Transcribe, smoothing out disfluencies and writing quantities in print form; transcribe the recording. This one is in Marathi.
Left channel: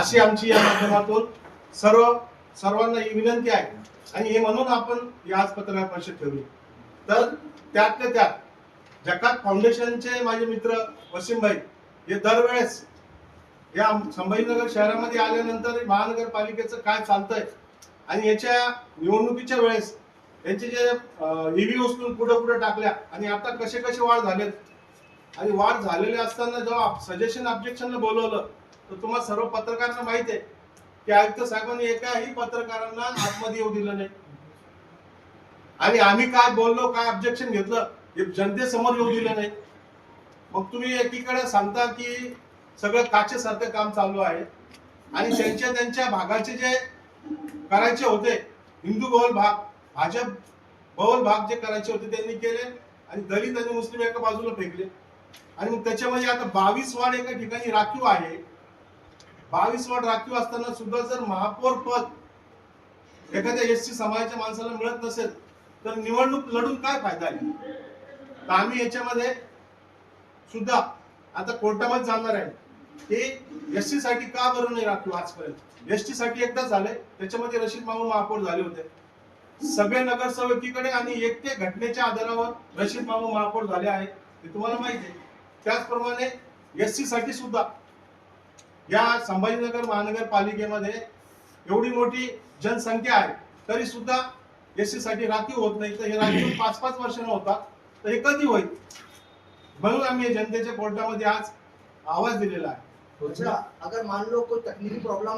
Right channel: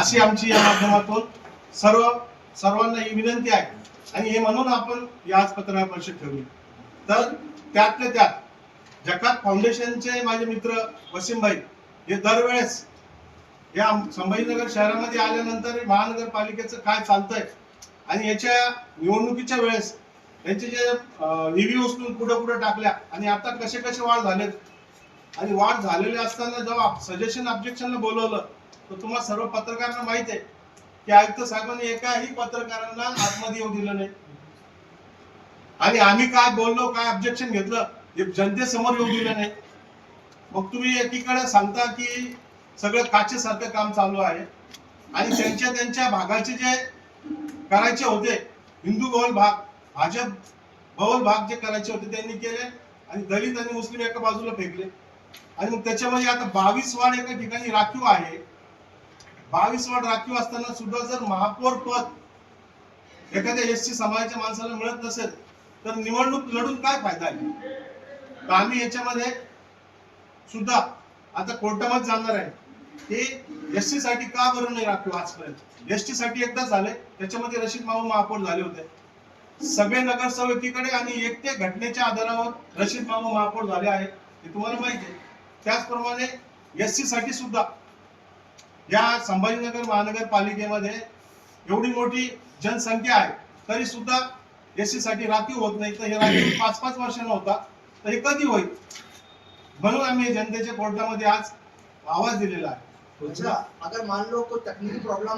अशी आमची या माध्यमातून सर्वांना ही विनंती आहे. आणि हे म्हणून आपण या आज पत्रकार परिषद ठेवली. तर त्यातल्या त्यात जकात फाउंडेशनचे माझे मित्र वसीम भाई हे दरवेळेस या संभाजीनगर शहरामध्ये आल्यानंतर महानगरपालिकेचं काय चालतंय आणि याच्या निवडणुकीच्या वेळेस यांचे जे निधी उचलून कुठं टाकल्या आणि आता कसे वाढ झालेत आणि वाढ झालेले असताना जेव्हा सजेशन ऑब्जेक्शनला बोलवलं तर तुम्हाला सर्व पत्रकारांना माहिती आहे की आयुक्त साहेबांनी एकाही पत्रकारांना आतमध्ये येऊ दिलं नाही. आणि आम्ही काय बोललो, काय ऑब्जेक्शन घेतलं हे जनतेसमोर येऊ दिलं नाही. मग तुम्ही एकीकडे सांगता की सगळं काचेसारखं काम चालू आहे आणि त्यांच्या भागाचे जे करायचे होते हिंदू बहुल भाग, भाजप बहुल भाग जे करायचे होते त्यांनी केले आणि दलित आणि मुस्लिम एका बाजूला फेकले. आणि मग त्याच्यामध्ये आता 22 वार्ड एका ठिकाणी राखीव आहे. 22 वार्ड राखीव असताना सुद्धा जर महापौर पद एखाद्या एसटी समाजाच्या माणसाला मिळत नसेल तर निवडणूक लढून काय फायदा आहे. तर आम्ही याच्यामध्ये सुद्धा आता कोर्टामध्ये जाणार आहे की एसटी साठी का बरं नाही राखीव आजपर्यंत. एसटी साठी एकदा झाले, त्याच्यामध्ये रशीद मामू महापौर झाले होते सगळे नगरसेवकीकडे आणि एकट्या घटनेच्या आधारावर रशीद मामू महापौर झाले आहेत हे तुम्हाला माहिती आहे. त्याचप्रमाणे एसटी साठी सुद्धा या संभाजीनगर महानगरपालिकेमध्ये एवढी मोठी जनसंख्या आहे तरी सुद्धा एसटी साठी राखीव होत नाही. तर हे राखीव 5-5 वर्षांना होता तर हे कधी होईल. म्हणून आम्ही जनतेच्या कोर्टामध्ये आज आवाज दिलेला आहे. अच्छा, अगर मान लो कोई तकनीकी प्रॉब्लम